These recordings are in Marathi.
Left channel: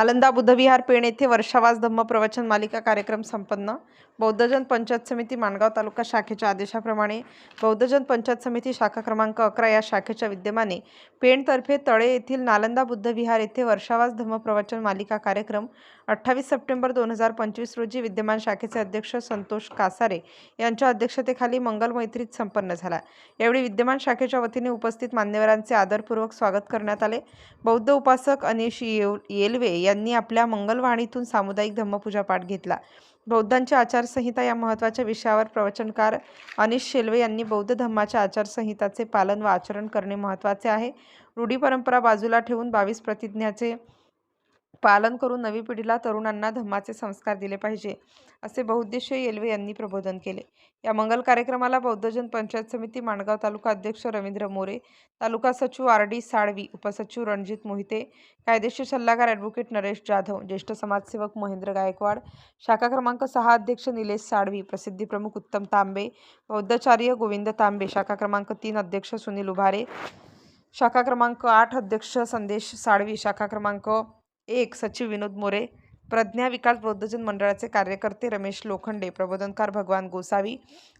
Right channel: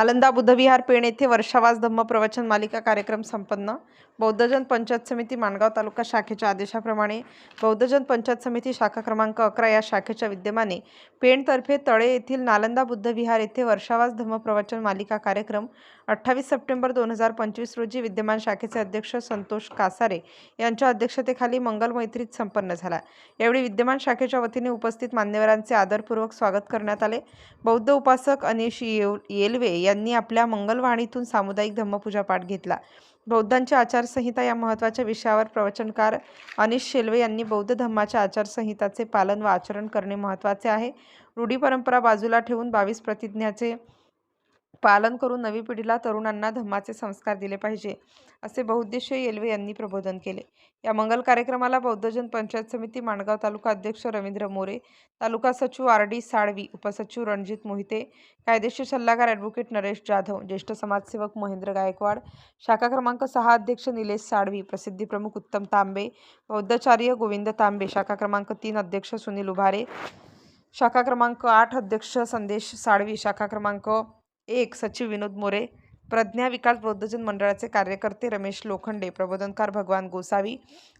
नालंदा बुद्धविहार पेण येथे वर्षावास धम्म प्रवचन मालिका कार्यक्रम संपन्न. बौद्धजन पंचायत समिती माणगाव तालुका शाखेच्या आदेशाप्रमाणे बौद्धजन पंचायत समिती शाखा क्रमांक अकरा या शाखेच्या विद्यमाने पेणतर्फे तळे येथील नालंदा बुद्धविहार येथे वर्षावास धम्म प्रवचन मालिका कार्यक्रम अठ्ठावीस सप्टेंबर दोन हजार पंचवीस रोजी विद्यमान शाखेचे अध्यक्ष संतोष कासारे यांच्या अध्यक्षतेखाली मंगल मैत्रीत संपन्न झाला. यावेळी विद्यमान शाखेच्या वतीने उपस्थित मान्यवरांचे आदरपूर्वक स्वागत करण्यात आले. बौद्ध उपासक अनिश येव येलवे यांनी आपल्या मंगलवाणीतून सामुदायिक धम्मपूजा पाठ घेतला. बौद्धांची आचारसंहिता या महत्त्वाच्या विषयावर प्रवचनकार अनिश शेल्वे यांनी बौद्ध धम्माच्या आचारसंहिताचे पालन व आचरण करणे महत्त्वाचे आहे. रूढी परंपरा बाजूला ठेवून बावीस प्रतिज्ञाचे पालन करून नवी पिढीला तरुणांना धम्माचे संस्कार दिले पाहिजे असे बहुद्देशीय येलवे यांनी प्रबोधन केले. या मंगल कार्यक्रमाला बौद्धजन पंचायत समिती माणगाव तालुका अध्यक्ष रवींद्र मोरे तालुका सचिव आर डी साळवी उपसचिव रणजित मोहिते कायदेशीर सल्लागार ॲडव्होकेट नरेश जाधव ज्येष्ठ समाजसेवक महेंद्र गायकवाड शाखा क्रमांक सहा अध्यक्ष निलेश साळवी प्रसिद्धी प्रमुख उत्तम तांबे बौद्धाचार्य गोविंद तांबे शाखा क्रमांक तीन अध्यक्ष सुनील उभारे शाखा क्रमांक आठ अध्यक्ष संदेश साळवी शाखा क्रमांक एक सचिव विनोद मोरे प्रज्ञा विकास बौद्धजन मंडळाचे कार्यकर्ते रमेश लोखंडे प्रबोधनकार भगवान गोसावी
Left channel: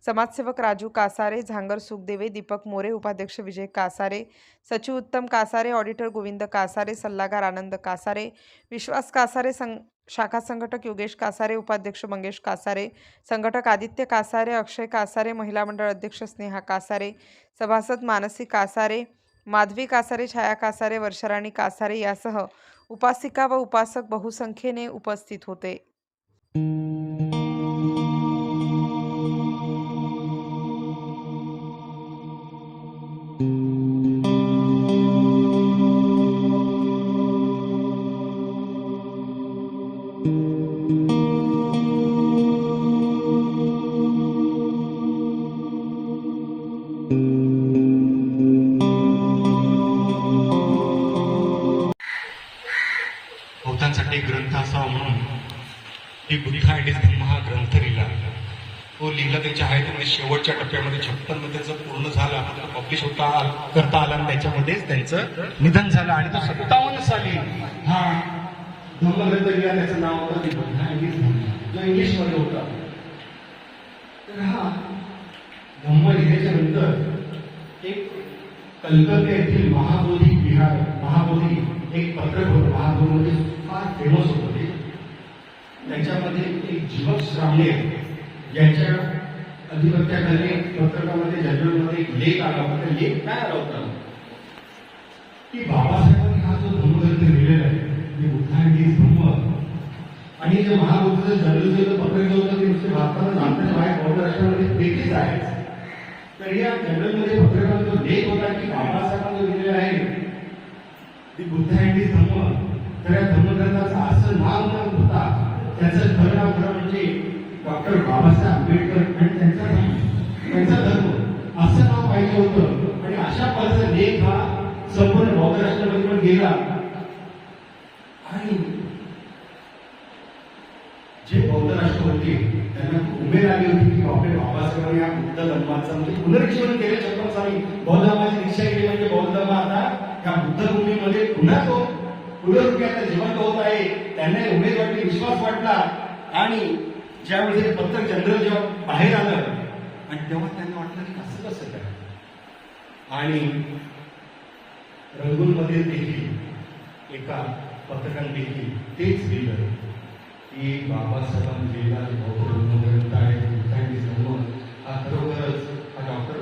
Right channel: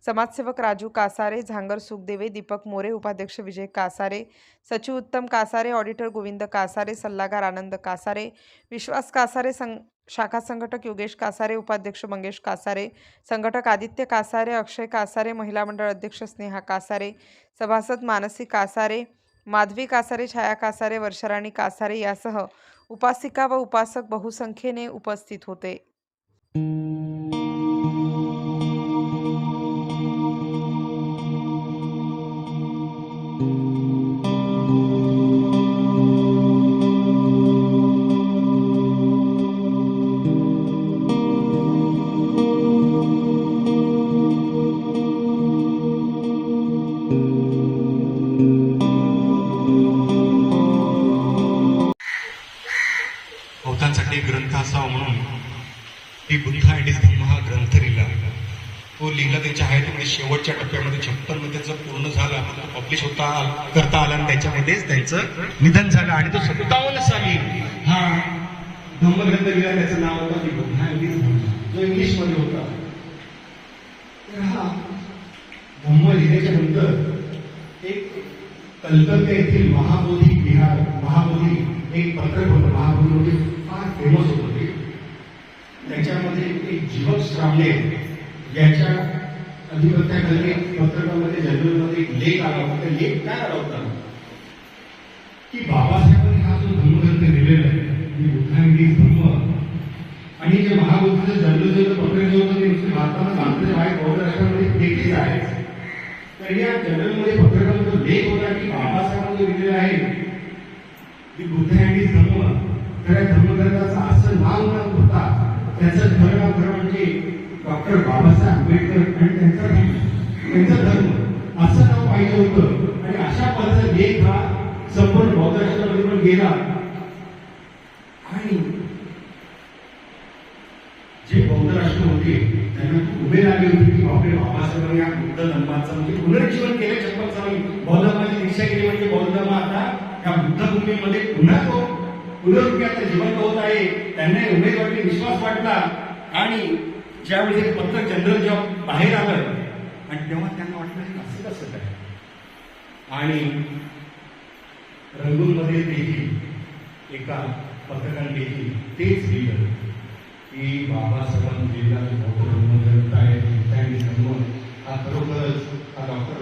समाजसेवक राजू कासारे झांगर सुखदेवे दीपक मोरे उपाध्यक्ष विजय कासारे सचिव उत्तम कासारे ऑडिटर गोविंद कासारे सल्लागार आनंद कासारे विश्वास कासारे सं शाखा संघटक योगेश कासारे उपाध्यक्ष मंगेश कासारे संघटक आदित्य कासारे अक्षय कासारे महिला मंडळ अध्यक्ष स्नेहा कासारे सभासद मानसी कासारे माधवी कासारे छाया कासारे वर्षराणी कासारे यासह उपासिका व उपासक बहुसंख्येने उपस्थित होते. बौद्धांसाठी ग्रंथ असावा म्हणून ही बुद्ध आणि धम्म हा ग्रंथ लिहिला. तो लिहिला त्याच्या आहे तिकडे शेवटच्या टप्प्यामध्ये छप्पन्न त्याचं पूर्ण झालं पब्लिश होता करता आला आणि त्याच्यामध्येच त्यांचं निधन झालं आणि तो सत्तावन्न साली हा धम्मग्रंथ लिहिला त्याचं नाव होतं तो बुद्ध इंग्लिशमध्ये होता. तर हा धम्म लिहिल्याच्या नंतर एक कलकत्ता येथील महाबोधी विहार महाबोधी एक पत्रक होतं महाबोधी फार फेमस होतं ते. त्याच्यामध्ये एक जीवक साठे ज्याच्या अधिपत्याखाली पत्रकामध्ये जनरलमध्ये एक लेख आला होता. लेख काय आला होता? की बाबासाहेबांनी हा जो धर्मग्रंथ केलेला आहे म्हणजे बुद्धांनी धम्म आणि जे महाबुद्ध जनरल पत्रक जे होतं ते नुसते भारतात आंतरच्या बाहेर महाराष्ट्रामध्ये देखील आहे तर या जनरलमध्ये पत्रकामध्ये लेख होता की बाबासाहेबांनी लिहिलेला आहे की बुद्ध यांनी धम्म तर या धर्मग्रंथाचा असं नाव न होता त्याचं खरं नाव खरं म्हणजे डॉक्टर बाबासाहेब आंबेडकर आणि त्यांचा त्यांचा धर्म. असं नाव पाहिजे होतं. आणि अशा पद्धतीचा लेख हा संपूर्ण बौद्ध पण गेला. आणि जे बौद्ध राष्ट्र होते त्यांना खूप उमेद आली होती की बापरे बाबासाहेबांनी या बुद्ध धर्माचं म्हणजे पुनर्जीवन केलं शपथ स्वामी बौद्ध धर्माची दीक्षा केली म्हणजे बौद्ध धर्म आता या बुद्ध भूमीमध्ये पुन्हा तो पुनरुक्त्या जीवन होत आहे. त्यांना उमेदवारी विश्वास वाटला आणि ज्यावेळी पत्र जनरल जेव्हा बाहेर आलं आणि तेव्हा त्यांना वाटलं असं कसं आणि रंगूलमध्ये देखील एका पत्रकार देखील तेच लिहिलं की बाबासाहेबांनी लिहिला काय त्यांनी जन्म हा खरोखरच हा डॉक्टर